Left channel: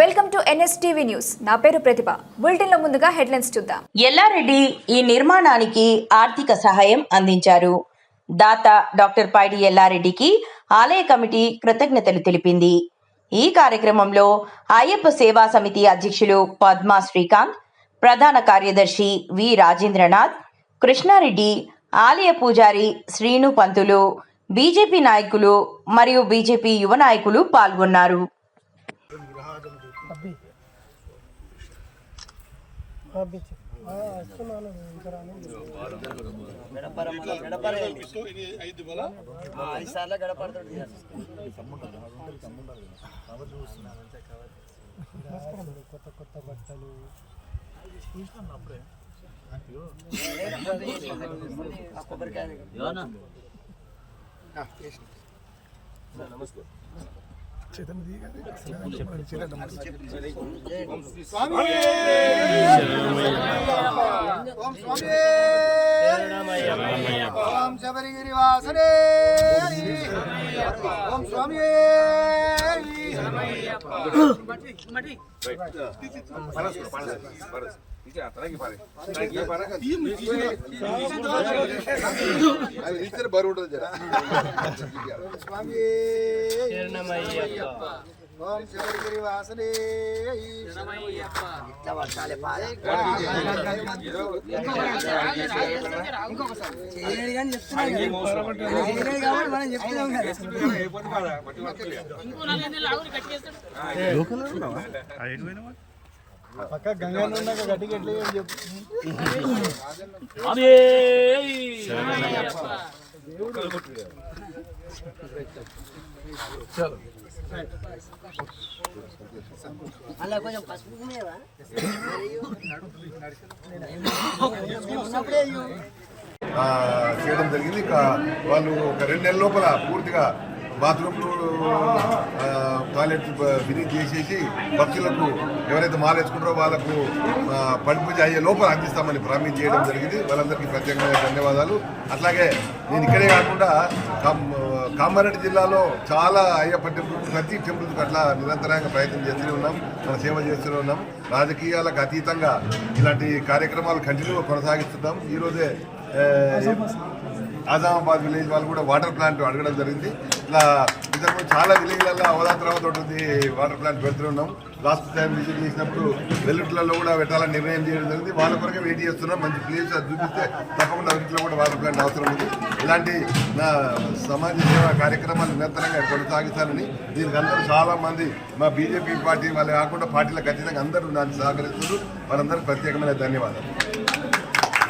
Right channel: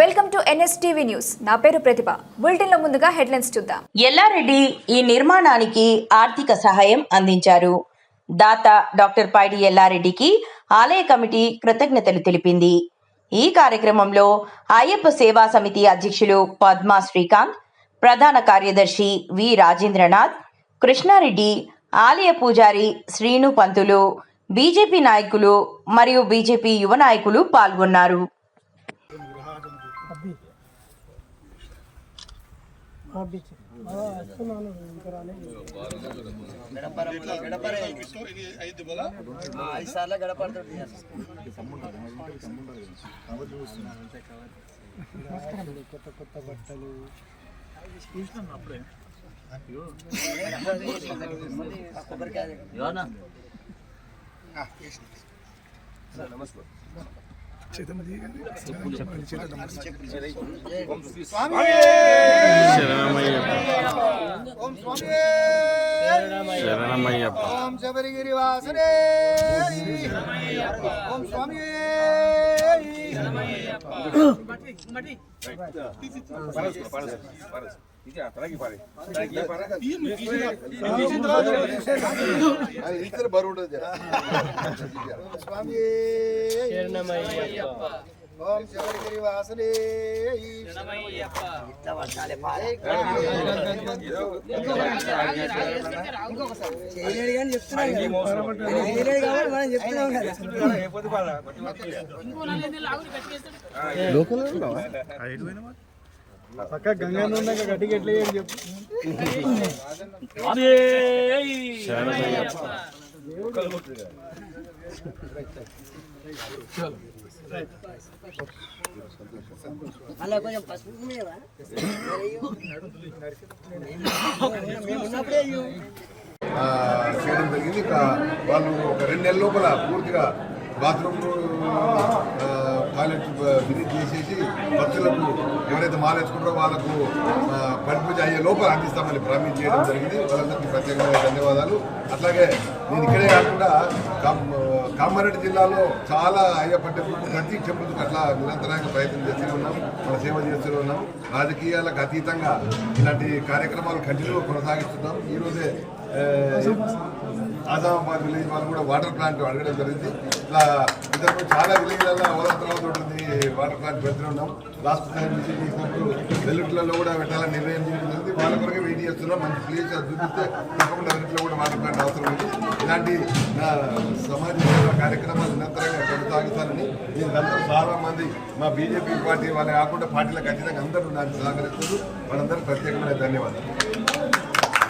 Welcome to NSTV news. నా పేరు ప్రతిభ. బులెటిన్లో ముందుగా హెడ్లైన్స్ చూద్దాం. ఎల్లారెడ్డి ఈ నిర్మాణానికి ఆర్థిక సహాయం అందించారు. దాత డాక్టర్ పైడి ఎల్లారెడ్డికి ఆలయ కమిటీ కృతజ్ఞతలు తెలిపింది. ఈ కార్యక్రమంలో అయ్యప్ప సేవా సమితి అధ్యక్షులు పద్మా శ్రీకాంత్ ప్రధాన కార్యదర్శి వి రాజేంద్రనాథ్ కృష్ణారెడ్డి ఆలయ పూజారి శ్రీను పంతులు బీజేపీ నాయకులు మరియు బీజేపీ యువ నాయకులు పాల్గొన్నారు. ఐదు సార్లు గడపడుతుంది కొబ్బరికాయ ఓం స్వామి ఓం శబరిగిరి వాసనే ஓம் சபரிகிரி வாசனே ஓம் சுவாமியே. ಬರುಡ ಸ್ವಾಮಿ ఓం శబరిగిరి వాసనే ఇట్లా పట్టాలి చేయలేడు కానీ చెప్తున్నాం చేయలేడు కాబట్టి మనం కదా. ఉన్నప్పుడే అయ్యో ఆ, చేయడం జరిగింది. ఇక వాళ్ళు ఒక రెండు నెలల లోపల పూర్తిగా బాత్రూమ్లు టాయిలెట్ ఫినిష్ చేసేసి భక్తులకు ఎవరైతే మాలేసుకుంటారో వాళ్ళకు ఆ, అయ్యే లోపల అందిస్తామని ప్రామిస్ చేయడం జరిగింది. వాళ్ళందరికీ ప్రత్యేకమైన ధన్యవాదాలు. అట్లాగే నేను ఇక్కడే కాకుండా కామ్- కామారెడ్డి జిల్లాలో చాలా అయ్యప్ప టెంపుల్ ప్రతి టెంపుల్కి అట్లా నిరంతరంగా ప్రయత్నం చేస్తూనే ఉన్నాం. మన సేవ చేస్తూనే ఉన్నాం. రాజకీయాలకు అతీతంగా ఇలాంటి కార్యక్రమాలు కంటిన్యూగా కొనసాగిస్తున్నాం. ఈరోజే ఆజామాబాద్ విలేజ్ వాళ్ళు కూడా వాటర్ ప్లాంట్ అడగడం జరిగింది. ఇట్లా ఇంతకు చాలా విలేజ్లలో అవదాతరావత ఉంటుంది. వాటర్ ప్లాంట్ పెడుతూనే ఉన్నాం. లాస్ట్ టైం విజిట్ చేసినప్పుడు వెల్లుట్లలో కూడా పెట్టాలని నిర్ణయం చేయడం జరిగింది. వాళ్ళ కొరకే వెయిట్ చేస్తున్నాం. మంచి ప్లేస్ అది చూపిస్తే తప్పకుండా వెల్లుట్లో కూడా వాటర్ ప్లాంట్ అవసరం ఉంది. ఇలాంటి సమాజ సేవ కార్యక్రమాలు నిరంతరంగా కొనసాగిస్తానని దీనికి అందరూ చాలామంది మా బీజేపీ పార్టీ వాళ్ళే కాకుండా పార్టీలకు ఖచ్చితంగా అందరూ నాకు సహకరిస్తున్నారు. వాళ్ళందరూ ప్రత్యేకమైన ధన్యవాదాలు.